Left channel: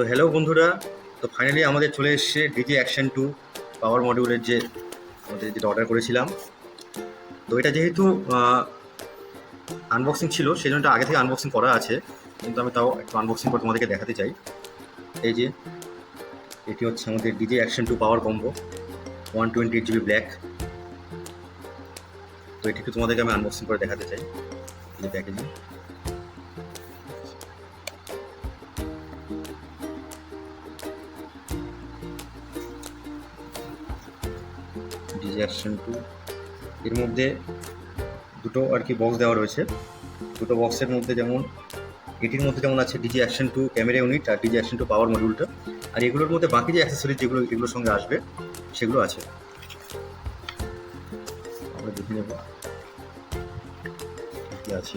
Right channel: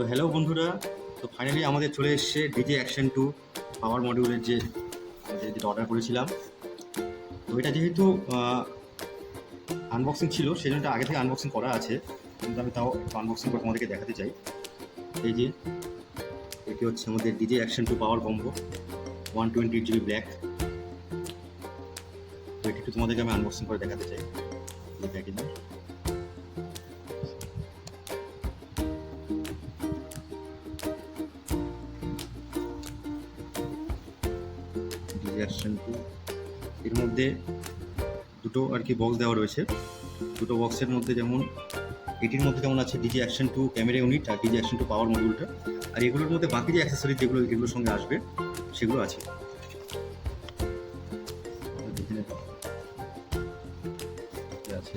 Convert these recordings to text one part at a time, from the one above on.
তো হ্যালো বন্ধুরা, তো ফাইনালি আমাদের চলে এসছে ডিজি অ্যাকশন 2 পাওয়ার মডিউলের যে আমাদের যেটা অর্ডার করেছিলাম। তো এটা যেহেতু আনবক্সিং ছিল, সেই জন্য আগে থেকে আনবক্সিং করা আছে, কিন্তু আমি তাও একটু আনবক্সিং করে তোমাদেরকে দেখাতে চাই। এই যে এটি হচ্ছে আমাদের ডিজি অ্যাকশন 2 পাওয়ার কম্বো 128 GB ব্ল্যাক। তো এটি একটু তোমাদেরকে আমি আনবক্সিং করে দেখাতে চাই। এই প্যাকেজিং ডিজি অ্যাকশন 2, এর মধ্যে দুটো আর কি বক্স দেওয়া রয়েছে। দুটো বক্সের মধ্যে যেমন এটির মধ্যে যেমন আছে ডিজি অ্যাকশন 2 ক্যামেরা ইউনিট আর ডিজি অ্যাকশন 2 পাওয়ার মডিউলটা, আর এগুলোর মধ্যে বাকি যে অ্যাক্সেসরিজ যেগুলো এগুলোর সঙ্গে আসবে সেগুলো আছে। আমরা দেখে নেব কি আছে।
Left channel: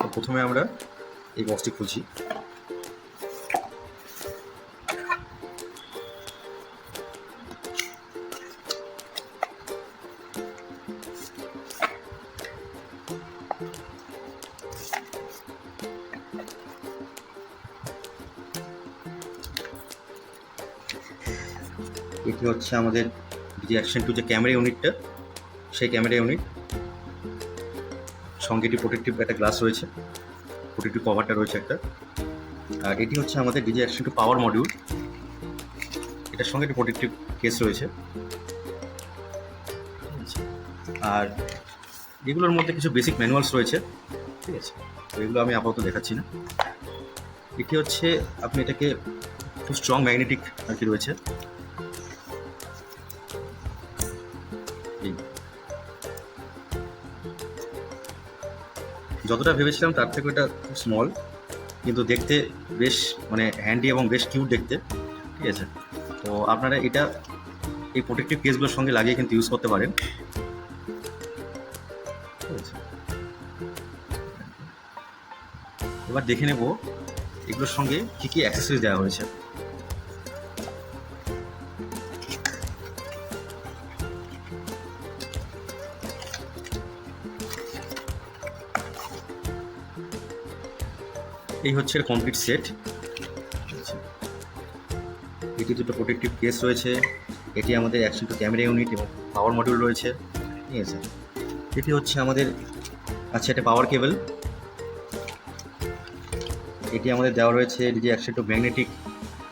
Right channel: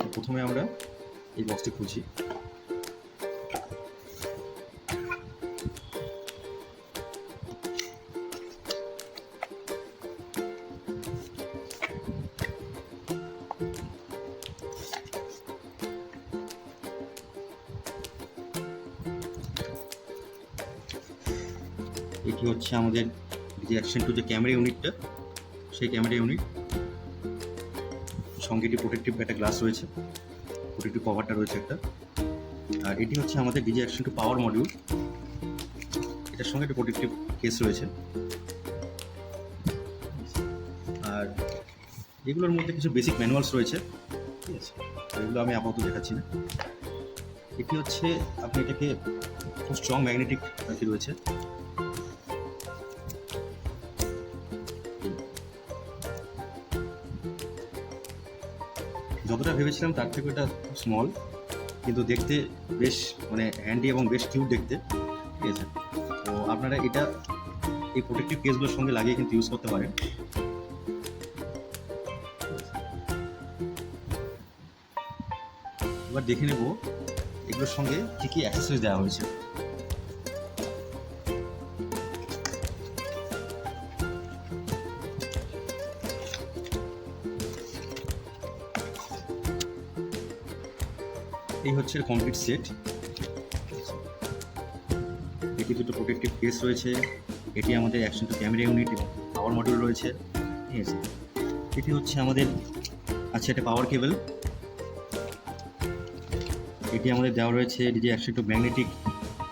তো প্রথমে আমরা এই বক্সটি খুলছি। এটি হচ্ছে আমাদের ডিজি অ্যাকশন 2 যে ক্যামেরা ইউনিটটা, সেই ক্যামেরা ইউনিট সঙ্গে এটি প্রোটেক্টিভ একটা গ্লাস রয়েছে, প্রোটেক্টিভ কভারটা রয়েছে একটা। আর এটি হচ্ছে আমাদের ডিজি অ্যাকশন 2 পাওয়ার মডিউল, এটার সঙ্গে একটি প্রোটেক্টিভ কেস রয়েছে। আর এগুলোর মধ্যে কিছু বেসিক ম্যানুয়ালস রয়েছে, ঠিক আছে, তো এগুলো আমি আপাতত দেখাচ্ছি না। এটি হচ্ছে আপনি এটাকে খুব স্ট্রং ম্যাগনেটিক আর কি রয়েছে। যতটা ভেবেছিলাম তার থেকে এটা খুব স্মল, কিন্তু দেখতে বেশ মানে হ্যান্ডি এবং বেশ কিউট দেখতে, ঠিক আছে। তো আপনারা এটা এই প্রোটেক্টিভ কেসগুলোর সঙ্গে লাগিয়ে কিন্তু ইউজ করতে পারেন। এবার দেখে নেব এগুলোর সঙ্গে কী কী অ্যাক্সেসরিজ দেওয়া হয়েছে। এই হচ্ছে এর কমপ্লিট সেট। এটি দুটো প্রোটেক্টিভ কেস রয়েছে, এটি আমাদের অ্যাকশন 2 ক্যামেরা ইউনিট এবং পাওয়ার মডিউল রয়েছে, ঠিক আছে। এটি হচ্ছে আমাদের আচ্ছা এটা পাওয়ার কেবল। এটি আমাদের দেওয়া রয়েছে ডিজি অ্যাকশন 2 ম্যাগনেটিক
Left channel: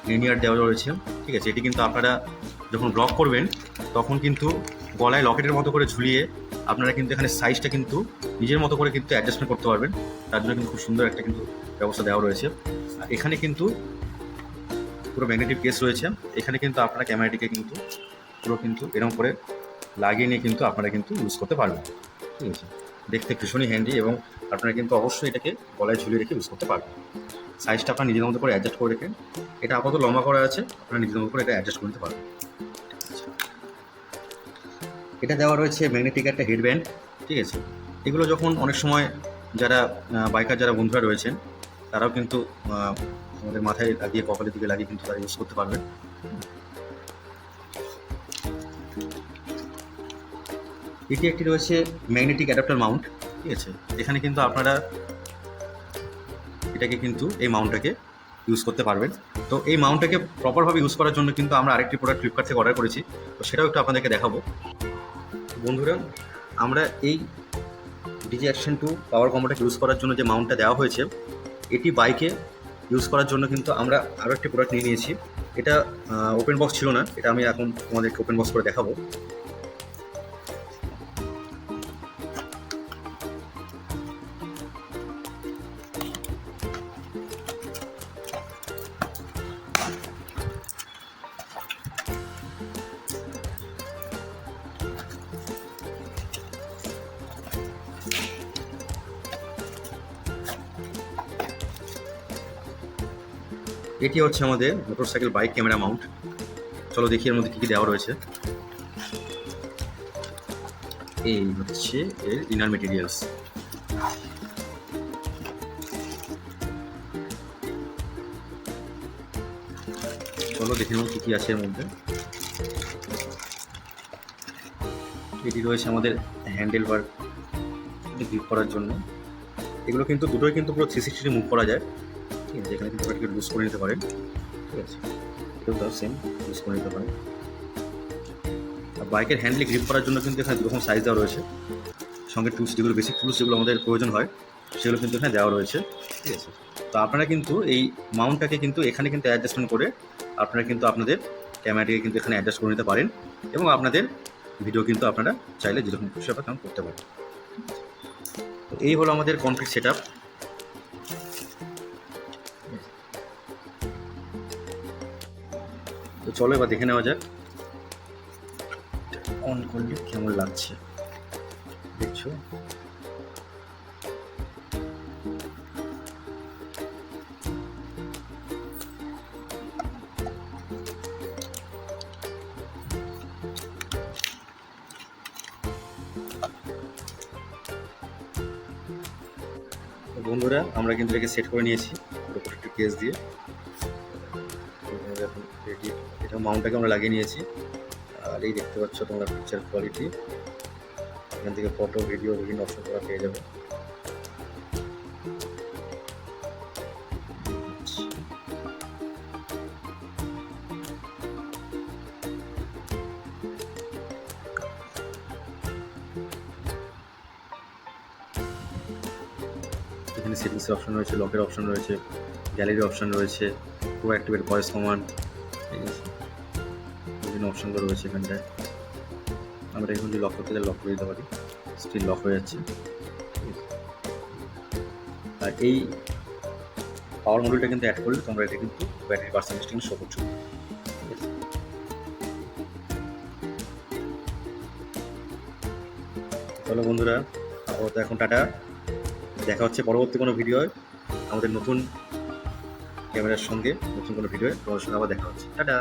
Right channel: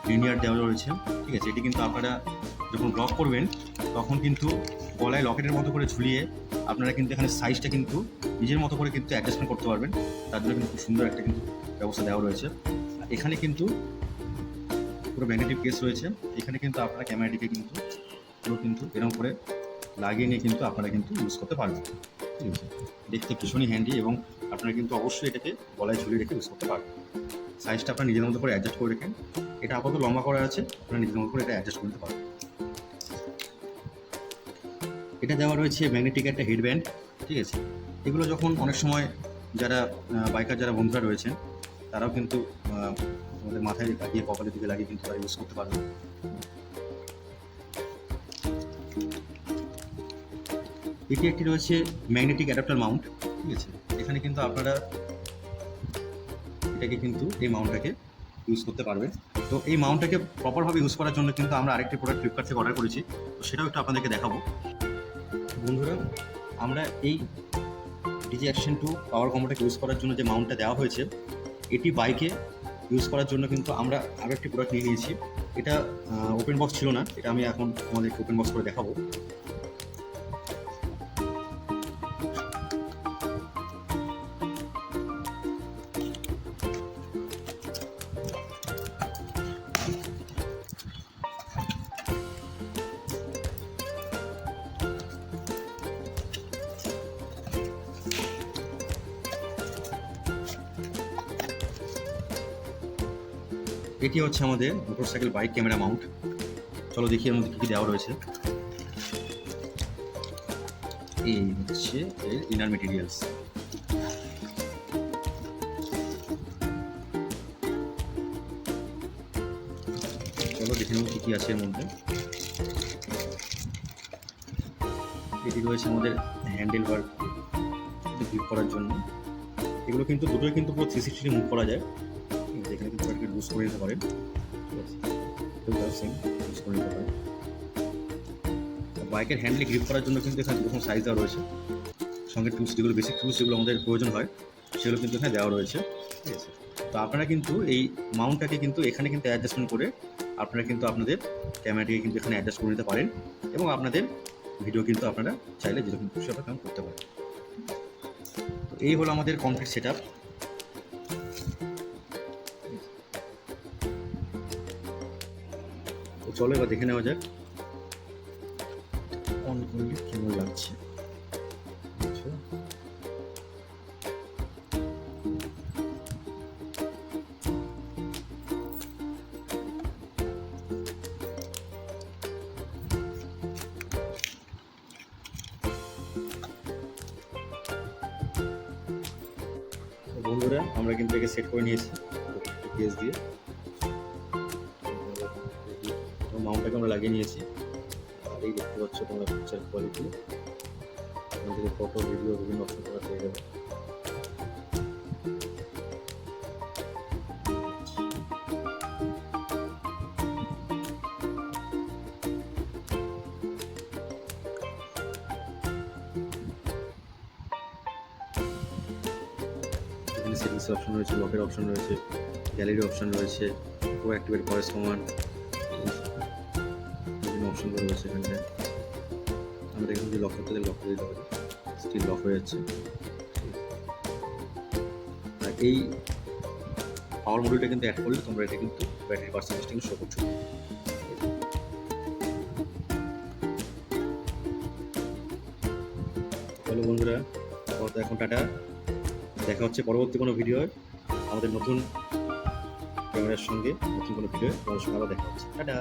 লিনিয়ার দেওয়া রয়েছে, ঠিক আছে। এটি কিন্তু আপনারা যখন ব্লক করবেন তখন কিন্তু গলায় লকেটের মতো করে ঝুলিয়ে আপনারা কিন্তু এখানে সাইজটা কিন্তু নিজের মতো করে কিন্তু অ্যাডজাস্টমেন্ট করতে পারবেন। তার জন্য কিন্তু খুব সুন্দর একটা কিন্তু ব্যবস্থা দেওয়া রয়েছে। আর এখানে কিন্তু পুরো ম্যাগনেটিক কেস রয়েছে, এখানে কিন্তু আপনারা ক্যামেরাটিকে কিন্তু পুরো কিন্তু এরকম করে লাগিয়ে নিয়ে কিন্তু আপনারা কিন্তু ইউজ করতে পারবেন, ঠিক আছে। দেখতে ভীষণই হ্যান্ডি এবং আপনারা কিন্তু অবশ্যই এটাকে গলায় ঝুলিয়ে রেখে ইউজ করতে পারবেন। সাইজটা আপনার নিজের মতো করে অ্যাডজাস্ট করে রেখেন। এটা আপাতত লম্বা করা আছে, আপনারা নিজের মতো করে এটা অ্যাডজাস্ট করতে পারবেন। এটা দেওয়া রয়েছে ম্যাগনেটিক একটা হেডব্যান্ড, ঠিক আছে। এগুলো যখন অনেক সময় যারা বাইকার যারা বন্ধুরা রয়েছেন তারাও কিন্তু আমাদের মাথায় লাগিয়ে কপালের দিকে লাগিয়ে কিন্তু তারা ইউজ করতে পারবেন। এটি একটি রয়েছে ম্যাগনেটিক অ্যাডাপ্টার মাউন্ট, ঠিক আছে। এখানে কিন্তু আপনারা এটাকে কিন্তু এই মাউন্টটাকে ইউজ করতে পারবেন। তো এই মাউন্টটাকে প্রপারভাবে ইউজ করার জন্য কিন্তু আমরা আরেকটি প্রোডাক্ট ফ্লিপকার্ট থেকে অর্ডার করেছি, তো সেটাও একটু আপনাদেরকে দেখাবো। বন্ধুরা, আমরা এই ডিজি অ্যাকশন 2 পাওয়ার কম্বোটাকে ইউজ করার জন্য যে মাউন্টটা দেওয়া হয়েছে, এটি বাইকে ইউজ করার জন্য কিন্তু আমরা আরও একটি প্রোডাক্ট নিয়ে নিয়েছি। এটা ওপেন বক্স ছিল না, এটা আমি এখন তোমাদেরকে ওপেন বক্স করে দেখাবো। এটি হচ্ছে আমাদের মোটরসাইকেল বাইক ক্যামেরা মাউন্ট। চলো দেখি এর মধ্যে কী কী দেওয়া রয়েছে। এই হচ্ছে এর ইনার মেটেরিয়ালস। চলো দেখে নেব কী কী আছে এর মধ্যে। এটি রয়েছে আমাদের হ্যান্ডেল বার গ্রিপ করার জন্য, এগুলো কিন্তু দুটোই কিন্তু পুরো 360 মুভ করা যায়, ঠিক আছে। এখানে কিন্তু এটাকে লুজ করে নিতে পারেন, ঠিক আছে। এটাও সেম লুজ করে নিতে পারেন। বাইকের হ্যান্ডেলে গ্রিপ করার জন্য কিন্তু এখানে দুরকম সাইজ দেওয়া রয়েছে, সঙ্গে টুলস যেগুলো বেসিক টুলস যেগুলো আমাদের প্রয়োজন হয় সেগুলো কিন্তু এখানে দেওয়া রয়েছে, ঠিক আছে। তো আপনারা কিন্তু এই মাউন্টটাকে কিন্তু এখানে কিন্তু অ্যাডজাস্টমেন্ট করে আপনারা কিন্তু আপনাদের ক্যামেরাটিকে কিন্তু এখানে অ্যাডজাস্ট করে নিতে পারেন এবং আপনাদের ভিডিও কিন্তু আপনারা চাইলে যেরকম খুশি আপনারা তেমন করতে পারেন। তো এই হলো আমাদের কমপ্লিট সেট আপ। তো চলো এবার দেখে নেওয়া যাক অন করলে কেমন লাগছে, দেখছো। বন্ধুরা আমরা কিন্তু একে সেট করে নিয়েছি একটা কেস দিয়ে, এটা মাউন্টটাকে আমরা লাগিয়ে নিয়েছি। আর এই দেখতে পাচ্ছ তোমরা পিকচার কোয়ালিটি, এখান থেকে ফটো ভিডিও বিভিন্ন অপশন তোমরা পেয়ে যাবে। এখানে সেটিংসের অপশন রয়েছে, লকের অপশন রয়েছে, গ্যালারি অপশন রয়েছে, প্রো অ্যাক্টিভেট ভয়েস কমান্ড, বিভিন্ন অপশনগুলো রয়েছে এখানটায়। আমরা এখানে যদি লক করতে লক করে দিতে পারি, স্ক্রিন লক হয়ে যাচ্ছে। আর এই পাওয়ার মডেলটা কিন্তু অ্যাড করলে তোমরা এটা কিন্তু ব্যাটারি পার্সেন্টেজ শো করছো। চলো বন্ধুরা, এখন টাটা, দেখা হচ্ছে পরবর্তী কোনো ভিডিও আমাদের নতুন ক্যামেরার সঙ্গে, নতুন কোনো ভিডিও তোমার সঙ্গে আবার দেখা হচ্ছে। টাটা।